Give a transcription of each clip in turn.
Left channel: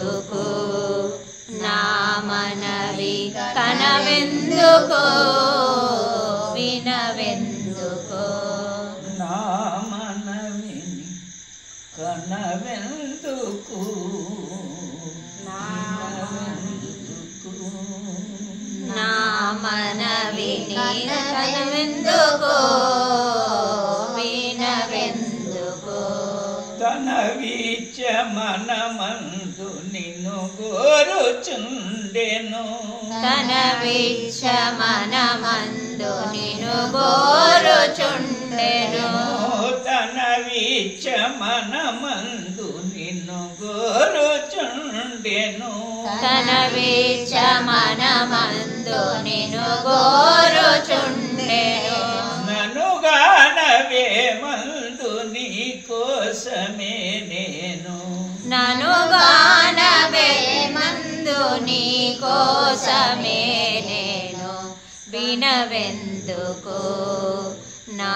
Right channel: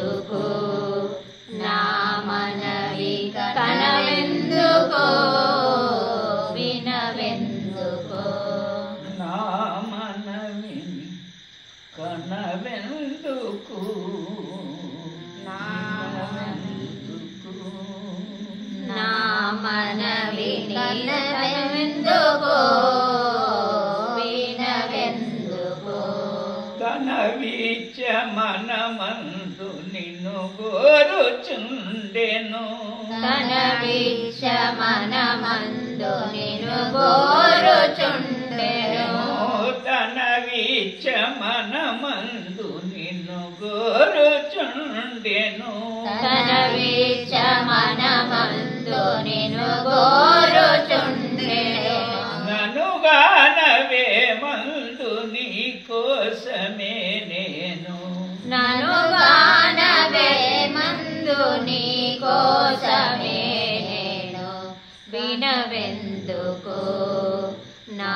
కనవెందుకు నా మనవి కనవెందుకు వినవెందుకు నా మనవి కనవెందుకు నా మనవి కనవెందుకు వినవెందుకు తన వీచ మనమందు నిన్ను గోరుచుండెను తన వీచ మనమందు నిన్ను గోరుచుండెను తన వీచ మనమందు నిన్ను గోరుచుండెను తన వీచ మనమందు నిన్ను గోరుచుండెను ననుగానవే మందు నీ కోసమే నేను ననుగానవే మందు నీ కోసమే నేను వినవెందుకు నా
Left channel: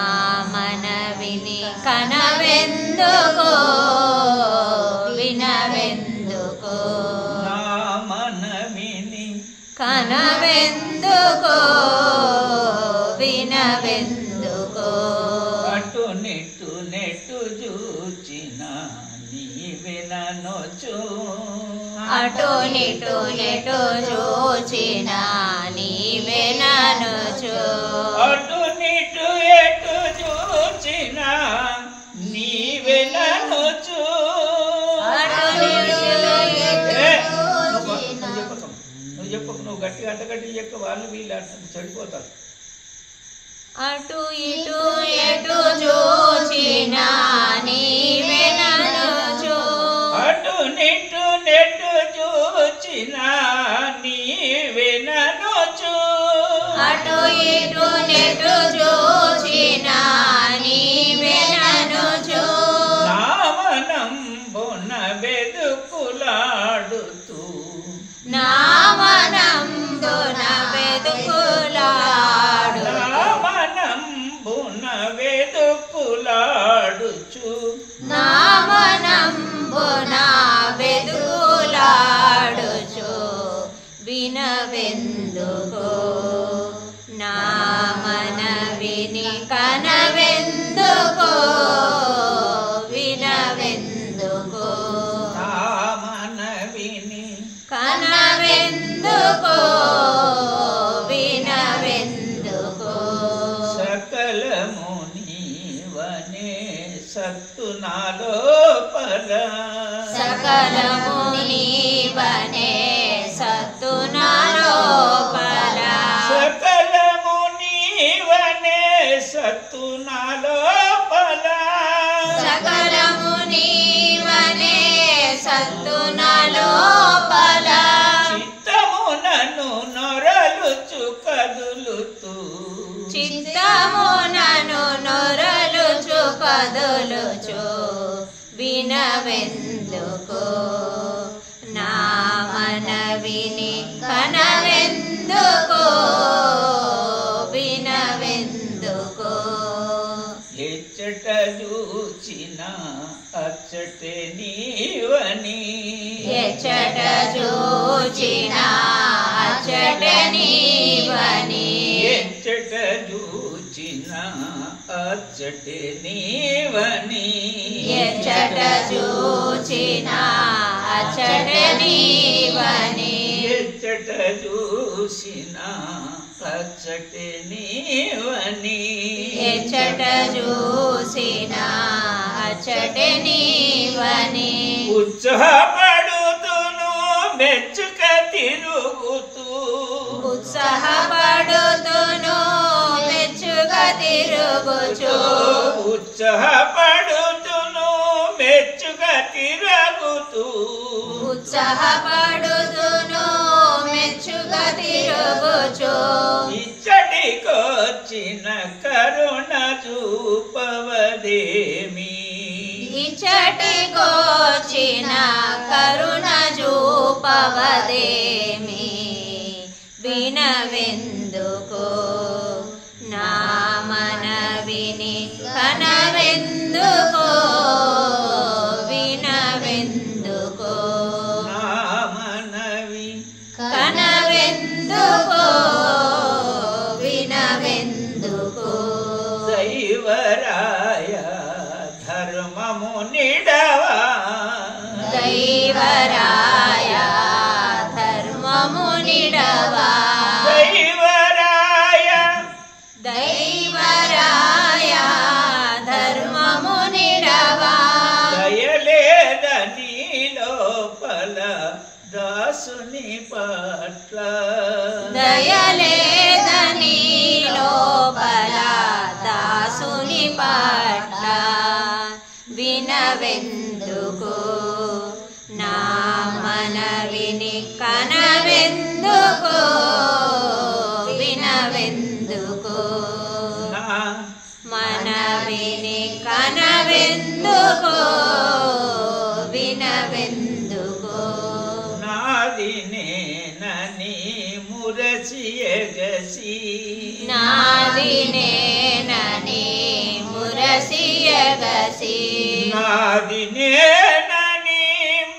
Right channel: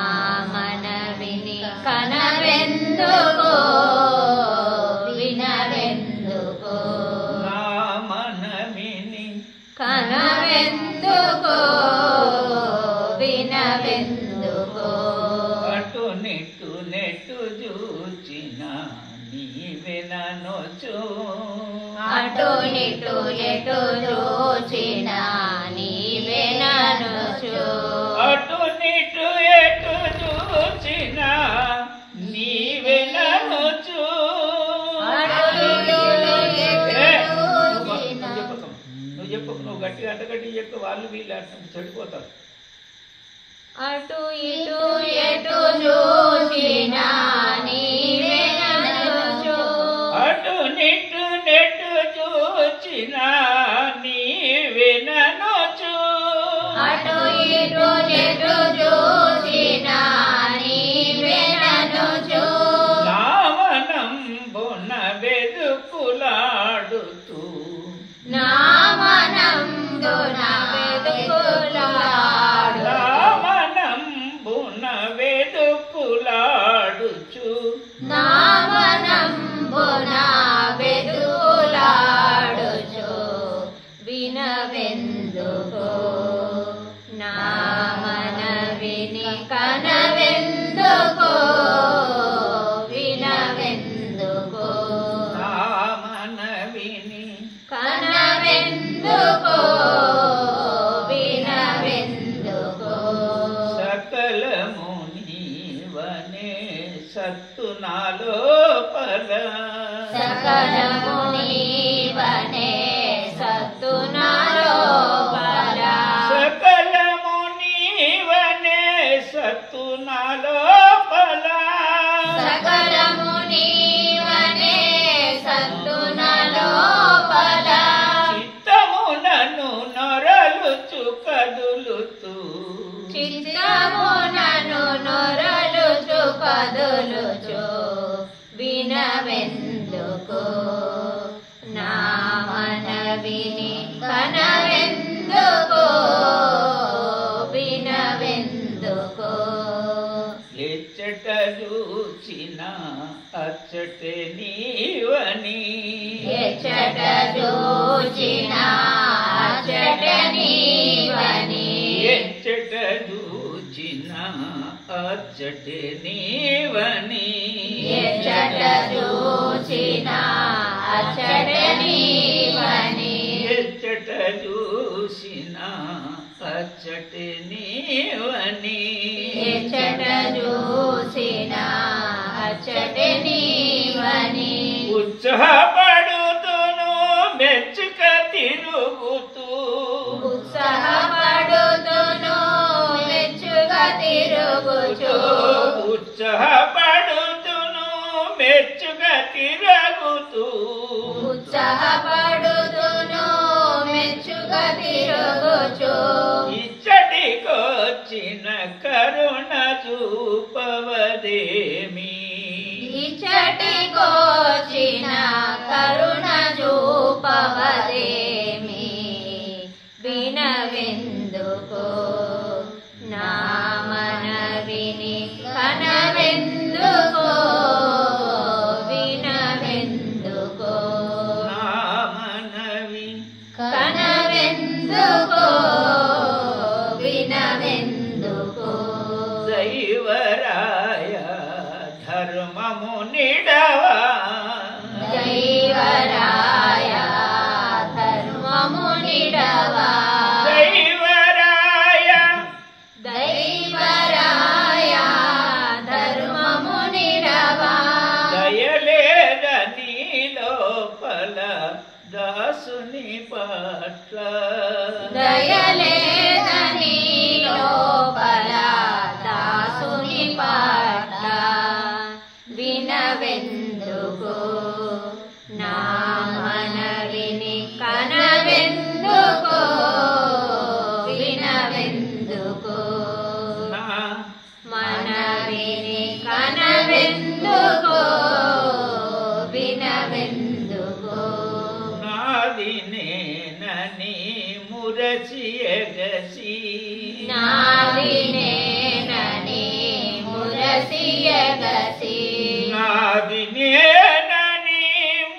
మనవిని కనవెందుకు వినవెందుకు నా మనవిని కనవెందుకు వినవెందుకు అటు నిట్టు నెట్టు చూచిన నీవే ననొచ్చు అటు నిటు నెటు చూచిన నీవే ననుచు అటు నిటు ఎటు చూచిన నీవే ననొచ్చు నువ్వు చెప్పకు నువ్వు గట్టిగా అంతగట్టి చెప్పు వాళ్ళు వీళ్ళు అంటారు చెడిపోతారు అటు ఇటు ఎటు చూచిన నీవే ననుచు అటు నిట్టు నెట్టు చూచిన నీవే ననొచ్చు అటు ఇటు నెటు చూచిన నీవే ననుచు నా మనంబున వెదుకులాడుతూ నా మనంబున వెదుకులాడు నా మనంబున వెదుకులాడుచు నా మనంబున వెదుకులాడుచు వినవెందుకు నా మనవిని కనవెందుకు వినవెందుకు నా మనవిని కనవెందుకు వినవెందుకు సకలము నీవనే సత్తు నాలోపల సకలము నీవనే సత్తు నాలోపల సకలము నీవనే సత్తు నాలోపల సకలము నీవనే సత్తు నాలోపల చిత్తమునను నొరలుచు కదులుతూ చిత్తమునను నొరలుచు కదులుచు వినవెందుకు నా మనవిని కనవెందుకు వినవెందుకు ఎచ్చట చూచిన అచ్చటే నీవని ఎచ్చట చూచిన అచ్చట నీవని ఎచ్చట చూచిన అచ్చటే నీవని ఎచ్చట చూచిన అచ్చట నీవని ఎచ్చట చూసిన అచ్చటే నీవని ఎచ్చట చూసిన అచ్చట నీవని ఉత్సాహపడుతును మెచ్చుక తిరుగుతూ ఉత్సాహపడుతును మెచ్చుక తిరుగుచు ఉత్సాహపడుతును మెచ్చుక తిరుగుతూ ఉత్సాహపడుతును మెచ్చుక తిరుగుచు ఇచ్చటికొచ్చిన కరుణ చూపవదేమి ఇచ్చటికొచ్చిన కరుణ చూపవదేమి వినవెందుకు నా మనవిని కనవెందుకు వినవెందుకు నా దైవరాయ ధర్మము నిడవా దైవరాయ దైవరాయ ధర్మము నిడవా దయలేదని లోపల దాసుని పట్ల దయలేదని లోపల దాసుని పట్ల వినవెందుకు నా మనవిని కనవెందుకు వినవెందుకు నా మనవిని కనవెందుకు వినవెందుకు నాది నేనని మురసి ఎగసి నాది నేనని మురసి ఎగసి నాది నేనని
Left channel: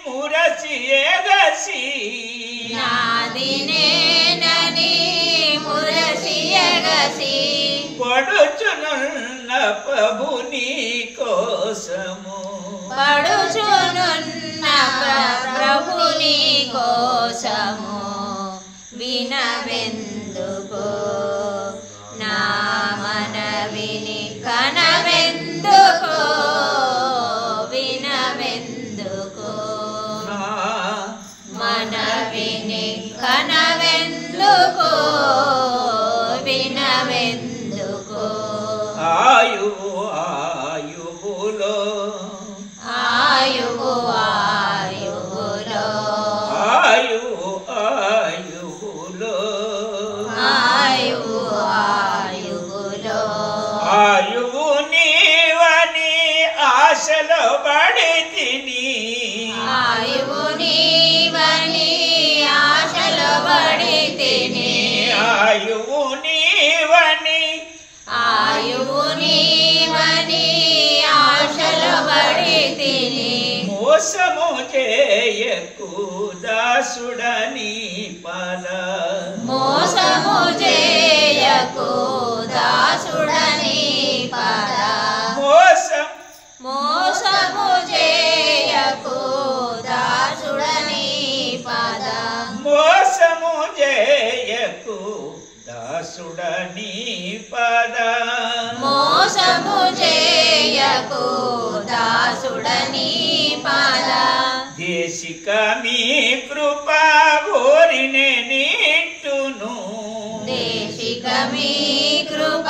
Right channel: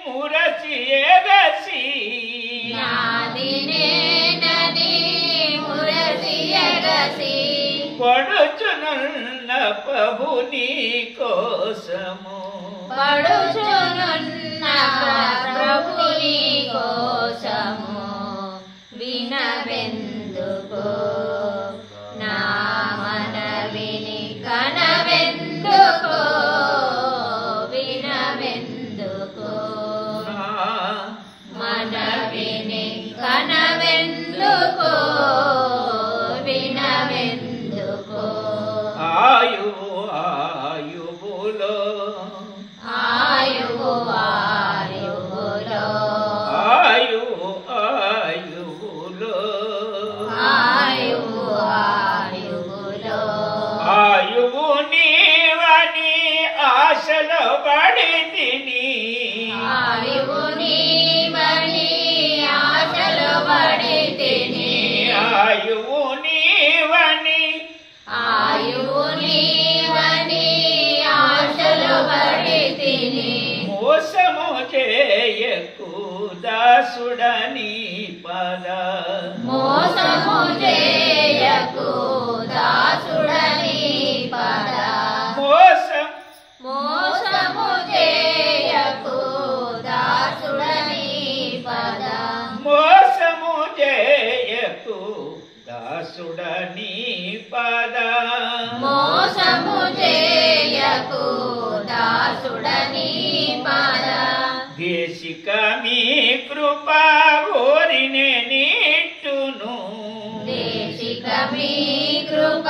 మురసి ఎగసి నాది నేనని మురసి ఎగసి పడుచునున్న ప్రభుని కోసము పడుచునున్న ప్రభుని కోసము వినవెందుకు నా మనవిని కనవెందుకు వినవెందుకు నా మనవిని కనవెందుకు వినవెందుకు ఆయువు ఆయువులో ఆయువు ఆయువులో ఆయువు ఆయువులో ఆయువు ఆయువులో ఆయువు నీవని ఆశలో పడి తిని ఆయువు నీవని ఆశలో పడి తిని ఆయువు నీవని ఆయువు నీవని ఆశలో పడి తిని మోసము చేయకు దాసుడని పద మోసము చేయకు దాసుడని పద మోసం మోసము చేయకు దాసుడని పద మోసము చేయకు దాసుడని పద మోసము చేయకు దాసుడని పద దేశిక మీ కృప కోరినే నీటును దేశిక మీ కృప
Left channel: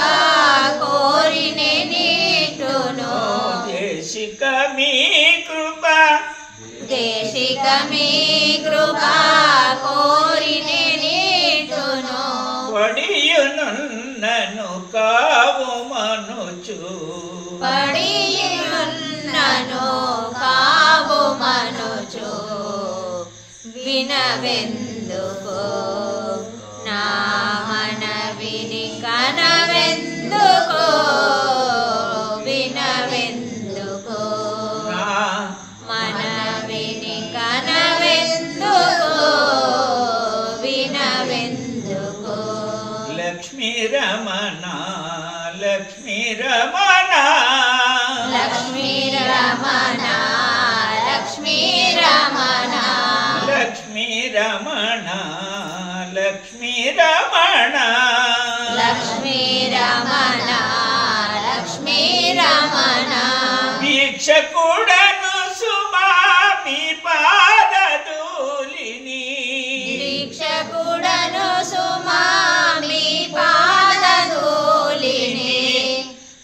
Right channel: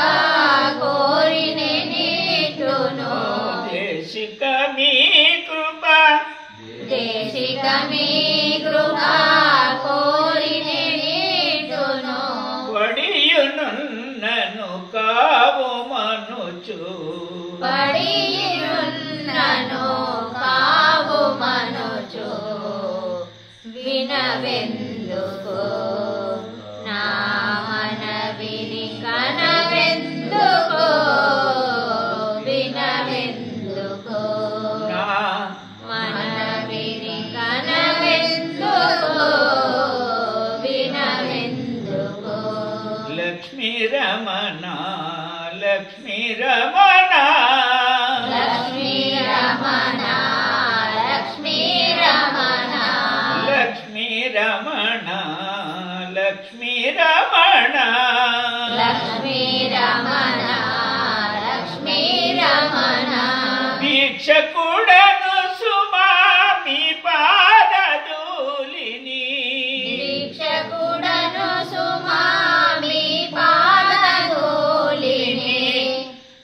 కోరినే నీటును దేశిక మీ కృప దేశిక మీ కృప కోరినే నీటును పడియునున్నను కావు మనుచు పడియున్నను కావు మనుచు వినవెందుకు నా మనవిని కనవెందుకు వినవెందుకు నా మనవిని కనవెందుకు వినవెందుకు లక్ష్మీ రమణ లక్ష్మీ రమణ లక్ష్మీ రమణ లక్ష్మీ రమణ లక్ష్మీ రమణ లక్ష్మీ రమణ లక్ష్మీ రమణ లక్ష్మీ రమణ భిక్షకుడను సుమా మీ పాదధూళిని దీక్షకుడను సుమా మీ పాదధూళిని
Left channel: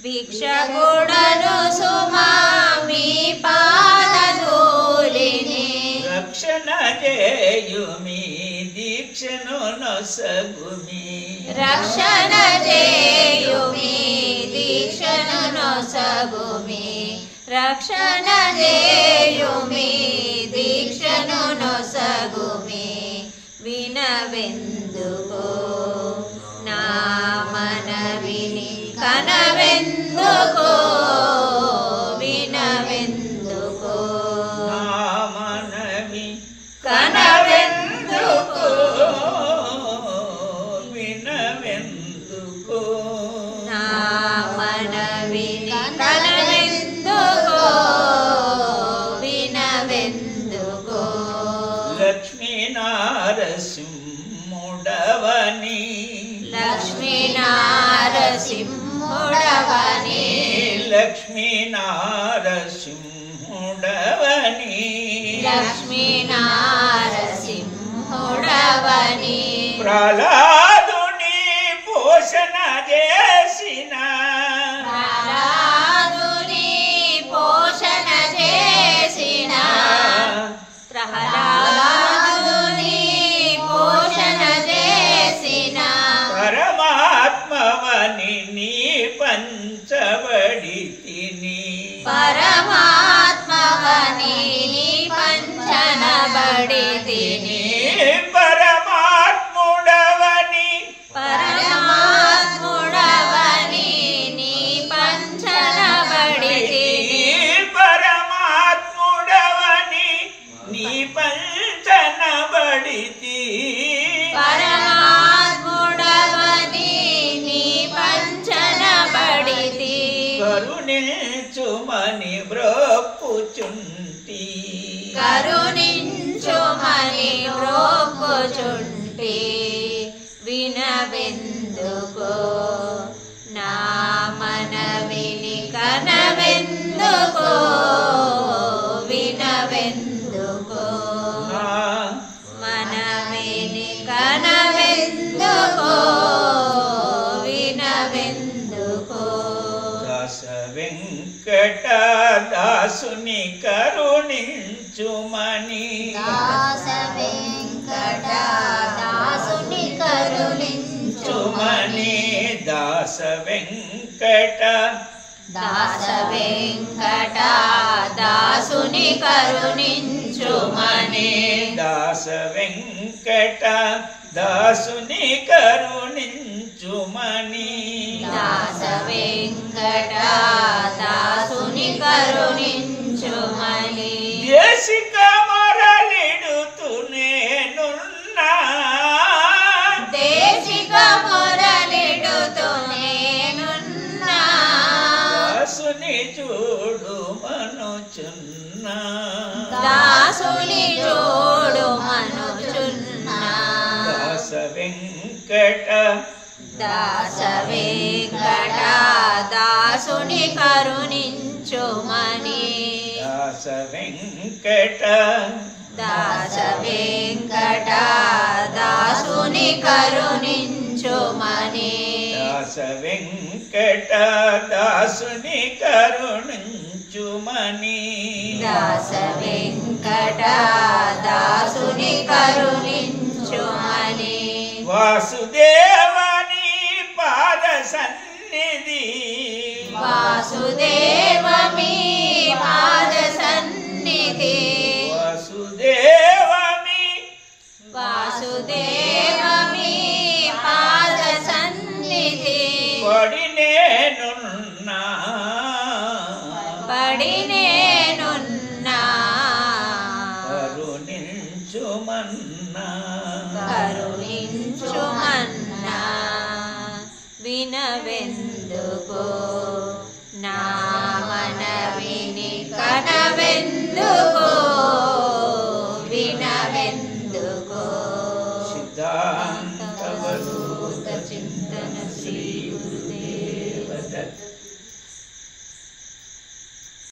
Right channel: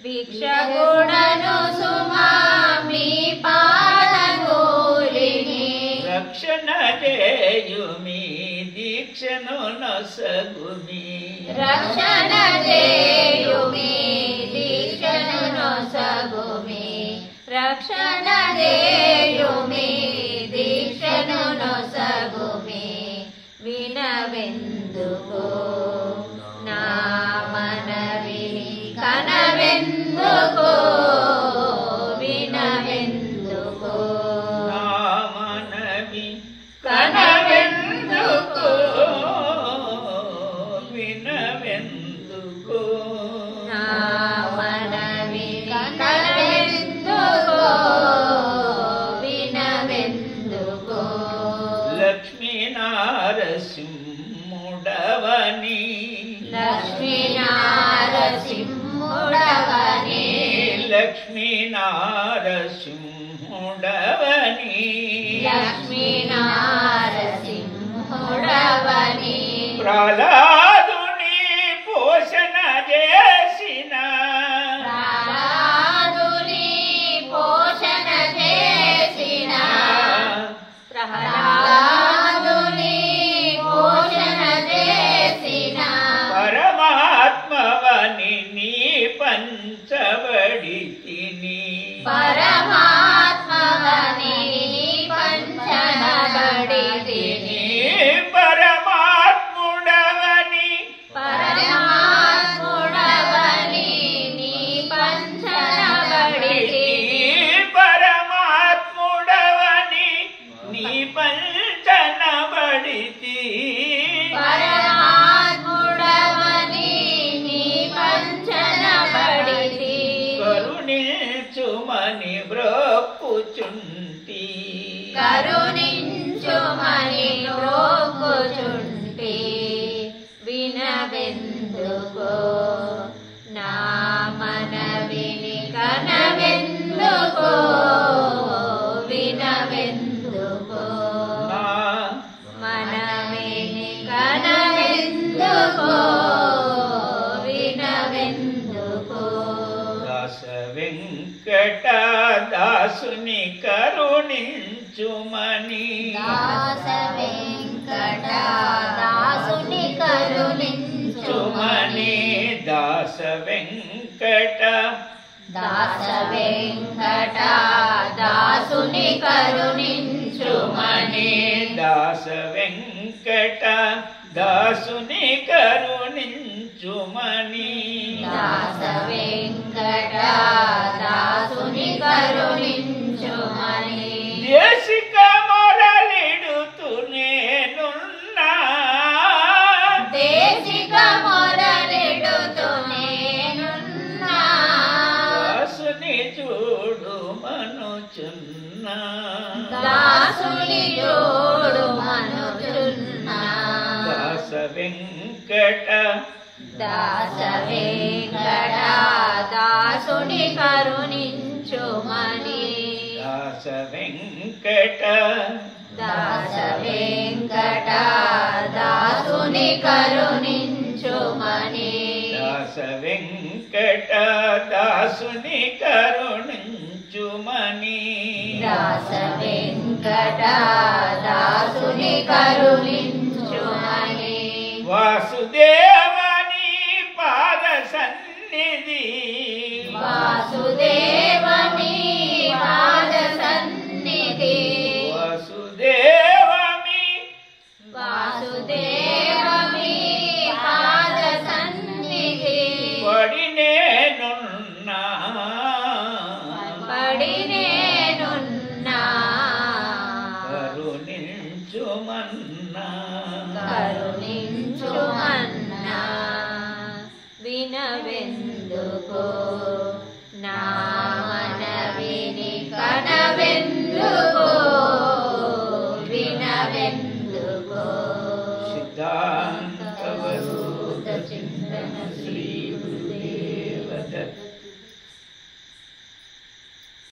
భిక్షకుడను సుమా మీ పాదధూళిని రక్షణ చేయుమి దీక్షను నొసగుమి రక్షణ చేయుమి దీక్షను నొసగుమి రక్షణ చేయుమి దీక్షను నొసగుమి వినవెందుకు నా మనవిని కనవెందుకు వినవెందుకు నా మనవి కనవెందుకు వినవెందుకు నా మనవిని కనవెందుకు వినవెందుకు నారసింహుడవని ప్రహ్లాదుని పోషణ చేసిన ప్రహ్లాదుని పోషణ చేసిన ప్రహ్లాదుని పోషణ చేసిన పరమాత్మవని నీ పంచబడి తిని పరమాత్మవని పంచనబడి తిని పరమాత్ముడవని పరమాత్ముడవని నీ పంచనబడి తిని పరమాత్ముడవని నీ పంచనబడితి పరమాత్ముడవని నీ పంచనబడితి కరుణించుమని బ్రోక్కుచుంటి కరుణించుమని బ్రోక్కుచుంటి వినవెందుకో నా మనవిని కనవెందుకో వినవెందుకో మనవిని కనవెందుకో వినవెందుకో దాస వెంకట దాసుని కరుణించుమని దాస వెంకట దాసుని కరుణించుమని దాస వెంకట దాస వెంకట దాసుని కరుణించుమని దాస వెంకట దాసుని కరుణించుమని దాస వెంకట దాసుని కరుణించుమని దేశిక మొరలిడుతు నేనున్నా దేశిక మొరలిడుతు నేనున్నా దాసుని చూడు మనుచున్నా దాసుని జోడు మనుచున్నా దాస వెంకట దాస వెంకట దాసుని కరుణించుమని దాస వెంకట దాస వెంకట దాసుని కరుణించుమని దాస వెంకట దాసుని కరుణించుమని దాస వెంకట దాసుని కరుణించుమని వాసుదేవని పాద సన్నిధి వాసుదేవని పాద సన్నిధి వాసుదేవమి వాసుదేవమి పాద సన్నిధి పడి నేనున్నా పడి నేనున్నా కరుణించుమన్నా కరుణించుమన్నా వినవెందుకో నా మనవిని కనవెందుకో వినవెందుకో సిద్ధా